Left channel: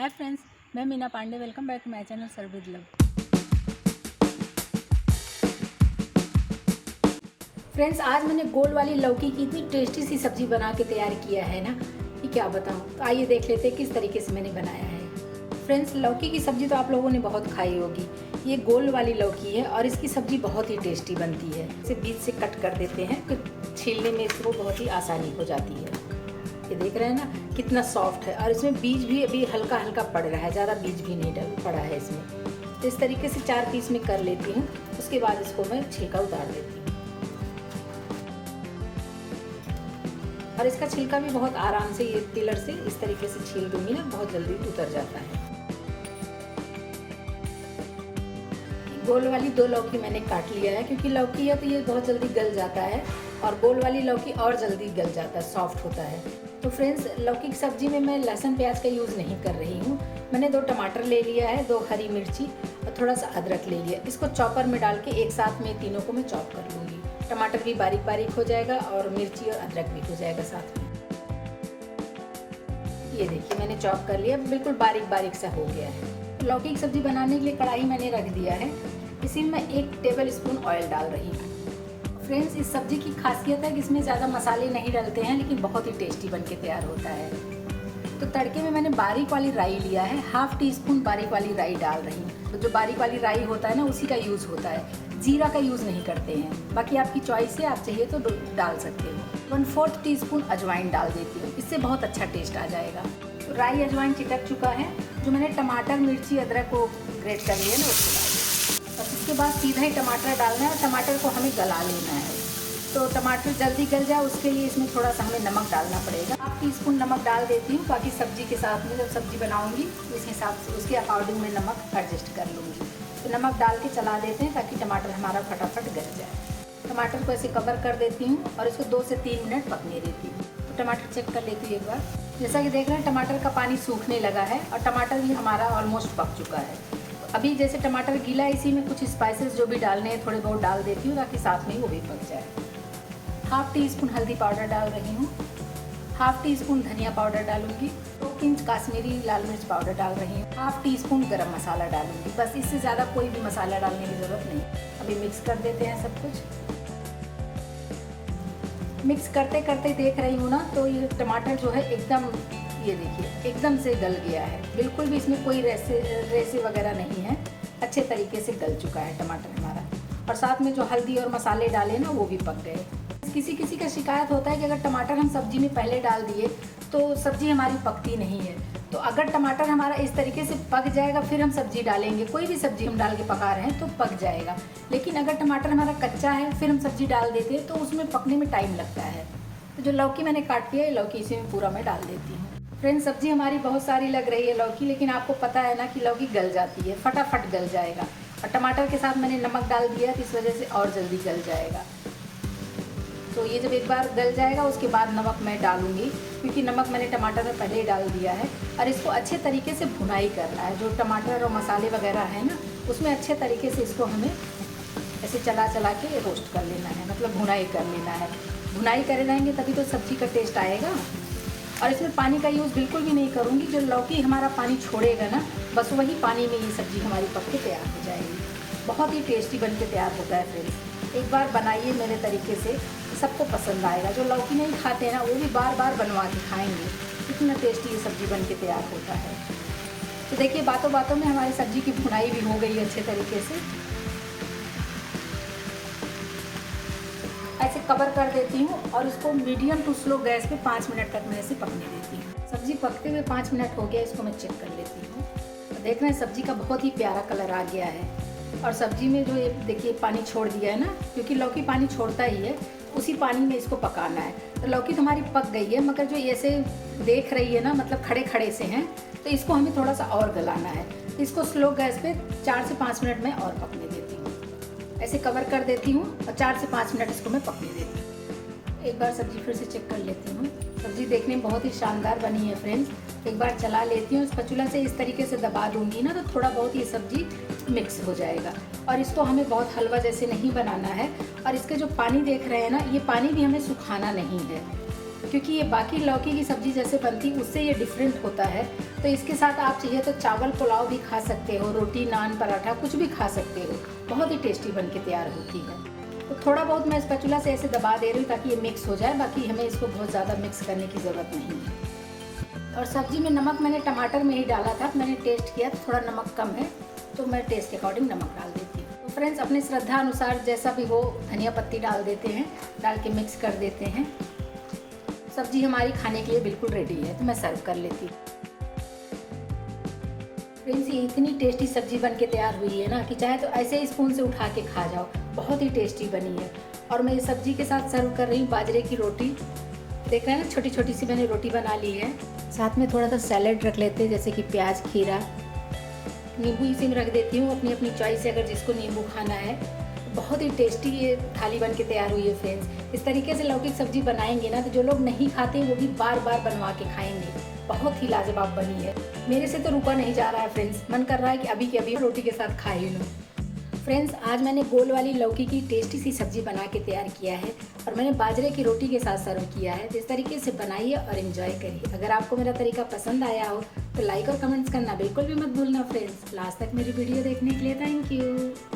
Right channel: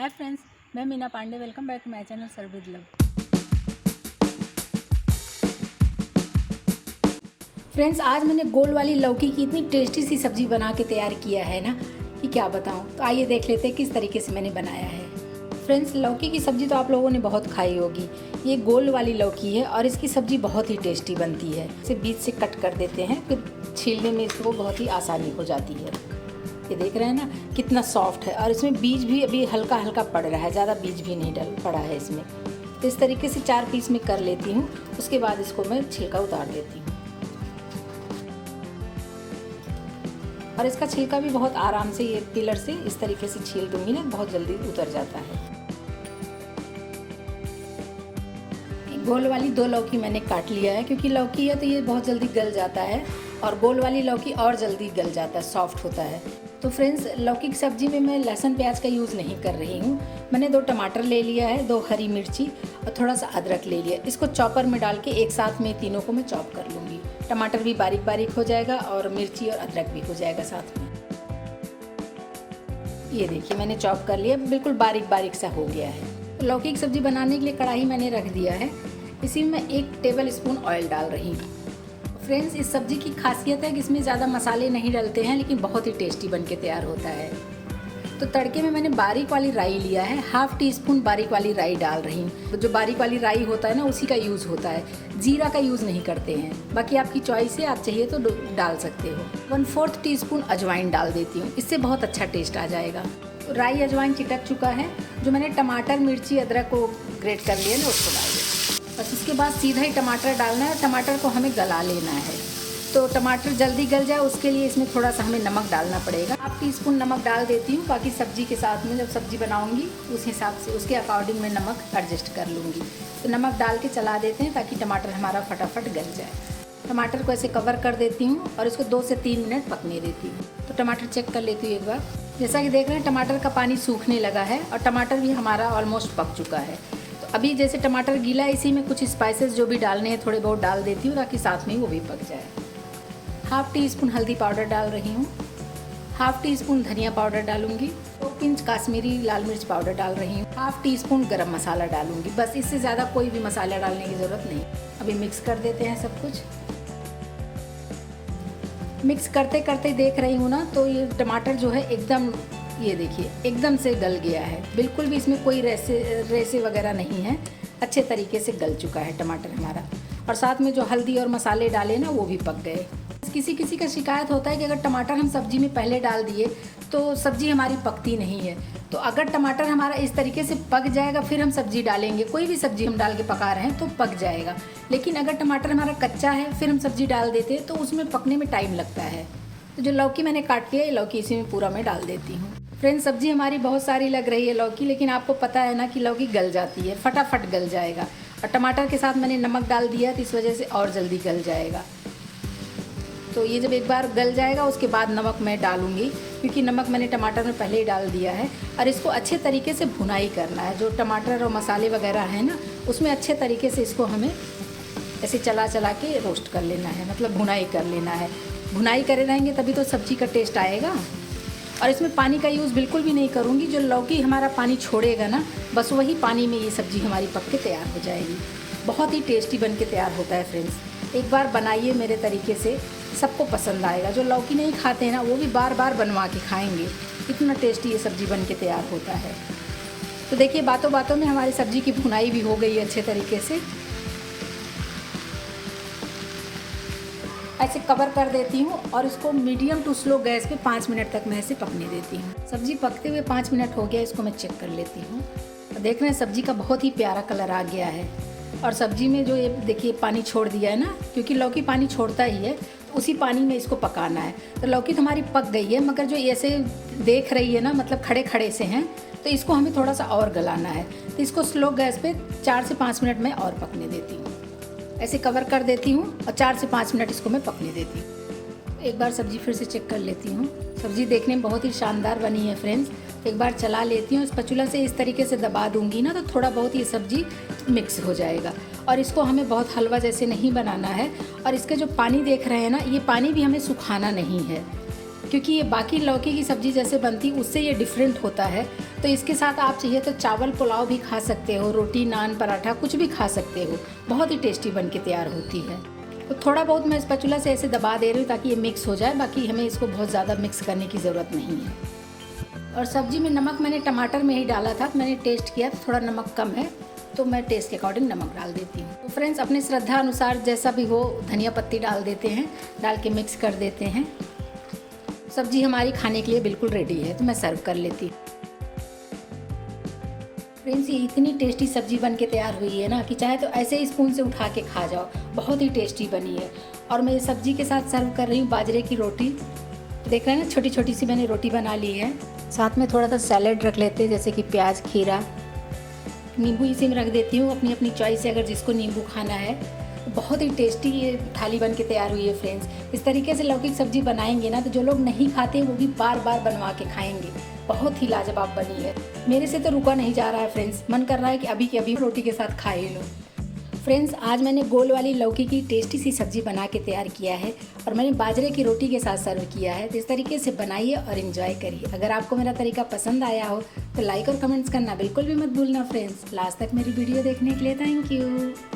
हाय friends, मैं Meena Pandey. Welcome back to my channel serve with love. Friends, आज मैंने गोल वाली लौकी की इतनी टेस्टी सी सब्जी बना के तैयार किया है ना कि क्या बताऊं। तो आइए देख लेते हैं किस तरीके से मैंने बनाया है। फ्रेंड्स, लौकी की सब्जी तो आप लोगों ने बहुत खाई होगी। ये गोल वाली लौकी है और इसकी सब्जी बहुत ही टेस्टी बनती है। इसे बीच से कट कर देते हैं तो छीलने में इसको बहुत ही आसानी हो जाती है। ये देख रहे हैं ना कितना सॉफ्ट है, और इसमें बीज भी अभी हल्का हल्का पड़ रहा है, ज़्यादा बीज भी नहीं डल पड़ा है इसमें। तो इस तरीके से 4 पीस में कर लेती हूँ। उसके बाद इसको मैं छिलका उतार देती हूँ, और इसका छिलका भी बहुत आराम से ये पिलर से इस तरीके से छील दूंगी ना, बहुत जल्दी उतर जाता है। गोल वाली 2 लौकी मैंने काट लिया है, क्योंकि लौकी है तो ये बहुत जल्दी गल जाता है, और गोल वाली लौकी और जल्दी गल जाता है, सॉफ्ट होता है। तो फ्रेंड्स, लौकी की सब्जी में मैं लहसुन प्याज का यूज़ नहीं कर रही हूँ। मैंने 2 टमाटर ले लिया है, 2 हरी मिर्ची और थोड़ा सा अदरक ले लिया। इसको चॉपर में डाल के एक साथ में तीनों को मैं चॉप कर लूँगी। टमाटर भी बारीक बारीक हो जाएगा और मिर्ची और अदरक भी हो जाएगा साथ में। ये देखिए मैंने चॉप कर लिया, बिल्कुल बारीक बारीक सा हो गया है। तो लौकी की सब्जी बनाने के लिए कढ़ाई मैंने रख दिया है। इसी में मैं 1 टेबल स्पून ऑयल डाल रही हूँ। फ्रेंड्स, इस सब्जी की खासियत है कि इसमें ज़्यादा मसाले नहीं डलते हैं, लेकिन बहुत ही टेस्टी बन के तैयार होता है। तो तड़के में मैंने बारीक वाली राई लिया है, 1/2 टीस्पून बारीक वाली राई डाल रही हूँ। तो जो बारीक वाली राई होता है ना, उसी का यूज़ होता है, जीरा का यूज़ नहीं करते हैं। बाकी आपकी चॉइस है, आप चाहिए तो डाल सकते हो। 1/4 टीस्पून अजवाइन डाल देती हूँ, इससे बहुत अच्छा टेस्ट आ जाएगा। तो राई अजवाइन चिटक चुका है। जो मैंने टमाटर मिर्ची अदरक को ग्रेट कर लिया ना, उसको डाल दिया। बस इसके बाद सीधा ही टमाटर डालना है। टमाटर को हमें गला लेना है, तो टमाटर जल्दी गल जाए उसके लिए इसमें थोड़ा सा हमें नमक डालना पड़ेगा। 1 टीस्पून नमक डाल देती हूँ। बाकी सब्जी के साथ में जब सब्जी बनाऊंगी उस हिसाब से उसके अकॉर्डिंग मैं नमक एडजस्ट कर लूँगी। तो नमक डाल के चला देते हैं ताकि टमाटर हमारा फटाफट गल जाए। टमाटर को ऐसे कवर कर देती हूँ और इसको 2 से 3 मिनट पकने देती हूँ। तो टमाटर चेक कर लेती हूँ एक बार। जैसा कि देख रहे हैं टमाटर का पानी सूखने लगा है और टमाटर भी हमारा ऑलमोस्ट पक चुका है। तो अभी जैसे टमाटर गीला है, इसी में कुछ स्पाइसेस जो भी डालने हैं थोड़े बहुत डाल देती हूँ ताकि साथ में वो भी पक जाए। 1/2 टीस्पून हल्दी पाउडर डाल रही हूँ, 1/2 टीस्पून धनिया पाउडर डालूंगी, 2 पिंच काश्मीरी लाल मिर्च पाउडर डाल रही हूँ, 1/2 टीस्पून गरम मसाला डालूंगी। बस इससे ज़्यादा कोई भी मसाला डालने की ज़रूरत नहीं। अभी मिक्स कर देते हैं सब कुछ। मिक्स करते करते देख रही हूँ ना, तो ये टमाटर जो है एकदम, ये देखिए एकदम से गल गया है। बिल्कुल भी इसमें कोई रेसे वगैरह नहीं है, अच्छे तरीके से गल चुका है टमाटर हमारा। और साथ में जो हल्दी और मसाले डाले ना, वो भी पक गए। किसी किसी का शिकायत होता है कि अगर टमाटर हम सब्जी में पहले डाल दिए तो सब्जी हमारी पकती नहीं है। तो अगर टमाटर हमारा इस तरीके से पक जाएगा, फिर हम सब्जी डालेंगे, कोई भी सब्जी हम डाल के पका रहे हैं तो पक जाएगा। लेकिन अगर टमाटर हमारा कच्चा है फिर हम सब्जी डाल देते हैं तो उसमें पकने में टाइम लगता है। तो जो लौकी मैंने काट लिया है, लौकी इसी में पूरा मैं डाल देती हूँ। फ्रेंड्स, सब्जी हमारी बहुत सारी लग रही है लौकी, लेकिन आपको पता है ना कि लौकी गल जाती है, फटाफट गल जाएगा। और टमाटर के साथ मैंने नमक डाल दिया तो इस वजह से और जल्दी गल जाएगा। तो ये जब एक बार गल जाएगा उसके बाद नमक मैं डालूंगी, क्योंकि नमक मैंने टमाटर में पहले ही डाल दिया है। और इसको अच्छे तरीके से भुनाई करना है। जो टमाटर और मसाले वगैरह है ना, उसमें अच्छे तरीके से इसको हमें ऐसे चला चला के रोस्ट कर लेना है, मतलब भुनाई कर लेना है। भुनाई करे रहेंगे तभी तो सब्जी का टेस्ट आएगा। और इसमें पानी का यूज़ बिल्कुल भी नहीं करूँगी। जो लौकी हमारा पानी छोड़ेगा ना, बस वही पानी में ये सब्जी हमारी पक के तैयार हो जाएगी। बहुत ही टेस्टी बन के तैयार होता है फ्रेंड्स। एक बार बनाइए मेरे तरीके से, सबको पसंद आएगा। जो लौकी नहीं खाते हैं ना, वो भी बार बार बनवा के खाएंगे। इतना टेस्टी ये सब्जी बन के तैयार होता है। तो देखिए बातों बातों में हमारी सब्जी की भुनाई भी हो गई है अच्छे तरीके से। ऐसे कवर कर देती हूँ और इसको मीडियम टू स्लो गैस पे 5 मिनट तक मैं ऐसे पकने देती हूँ। सब्जी पकते हुए 5 मिनट हो गया, इसको मैं चेक कर लेती हूँ। तो देख रहे हैं सब्जी का बहुत ही प्यारा कलर आ गया है। और सब्जी में जो ये देखिए पानी छोड़ दिया है ना, क्योंकि लौकी पानी छोड़ता ही है, उसी पानी में इसको पकाना है। तो लौकी तो हमारी पक गई है, मगर जो ऐसे देख रही है ना, मतलब खड़े खड़े से हैं, तो इसको हमें थोड़ा सा और गलाना है। तो इसको स्लो गैस पे 4 से 5 मिनट में और पकने देती हूँ। ऐसे कवर कर देती हूँ और 4 से 5 मिनट इसको मैं पकने देती हूँ। एक बार सब्जी फिर से चेक कर लेती हूँ। सब्जी देखने में बहुत ही शानदार बनी है फ्रेंड्स। एक बार चला लेती हूँ, स्पैचुला से इस तरीके से दबा दूंगी ना, तो थोड़ा बहुत ये सब्जी मिक्स हो जाएगा। और इसको हमें बहुत हलवा जैसे नहीं बनाना है। और इसके जो पानी देख रहे हैं ना, ये पानी भी हमें सुखाना नहीं है। क्योंकि ये बाकी लौकी की सब्ज़ी जैसे बनती उससे ये डिफरेंट होता है। तो इसके साथ आप चाहिए तो चावल पुलाव भी खा सकते हो, रोटी नान पराठा कुछ भी खा सकते हो। बहुत ही टेस्टी बन के तैयार होती है। तो थोड़ा बहुत मैं स्पैचुला से ऐसे दबा दे रही हूँ ताकि ये मिक्स हो जाए, बाकी हमें इसको बहुत ज़्यादा मिक्स करने की ज़रूरत नहीं है। और सब्ज़ी में नमक मैंने टमाटर में ही डाला था, मैंने टेस्ट किया थोड़ा नमक कम है तो मैं टेस्ट के अकॉर्डिंग नमक डाल देती हूँ। तो फ्रेंड्स अपनी श्रद्धा अनुसार जैसा भी हो धनिया पत्ती डाल देते हैं, डाल के मिक्स कर देते हैं। सब्जी हमारी खाने के लिए बिल्कुल रेडी है, तो मैं सर्व कर लेती हूँ। फ्रेंड्स ये इतनी टेस्टी सब्जी बन के तैयार हुई है ना कि चाहे तो ऐसे ही स्पून से उठा के खा जाओ, बहुत ही टेस्टी बनी है। और मैं सब्जी के साथ सर्व कर रही हूँ बाजरे की रोटी। देख रहे हैं ना, छोटी छोटी सी मैंने रोटी बना ली है। साथ में थोड़ा सा सैलेड रख लेते हैं, जैसे कि प्याज, खीरा, नींबू इसी में रख देती हूँ, अपनी अपनी चॉइस से अगर जिसको नींबू खाना है। बहुत ही टेस्टी ये थाली बन के तैयार हुई है फ्रेंड्स। इस तरीके से लौकी की सब्जी बनाएंगे ना तो जो लोग नहीं खाते वो भी बार बार बनवा के खाएंगे। बहुत ही लाजवाब बनी है, मेरे से तो रुका नहीं जा रहा है फ्रेंड्स, मन कर रहा है कि अभी के अभी रोटी के साथ खा ही लूँ। फ्रेंड्स आज मैंने गोल वाली लौकी की टेस्टी सी सब्जी बना के तैयार किया है और मैंने बाजरे की रोटी के साथ सर्व किया है। तो इस तरीके से बनाइए और एंजॉय करिए। अगर आपको मेरा तरीका पसंद आया हो तो लाइक और कमेंट्स करना बिल्कुल भी मत भूलना फ्रेंड्स। लास्ट तक मेरी वीडियो देखने के लिए थैंक यू।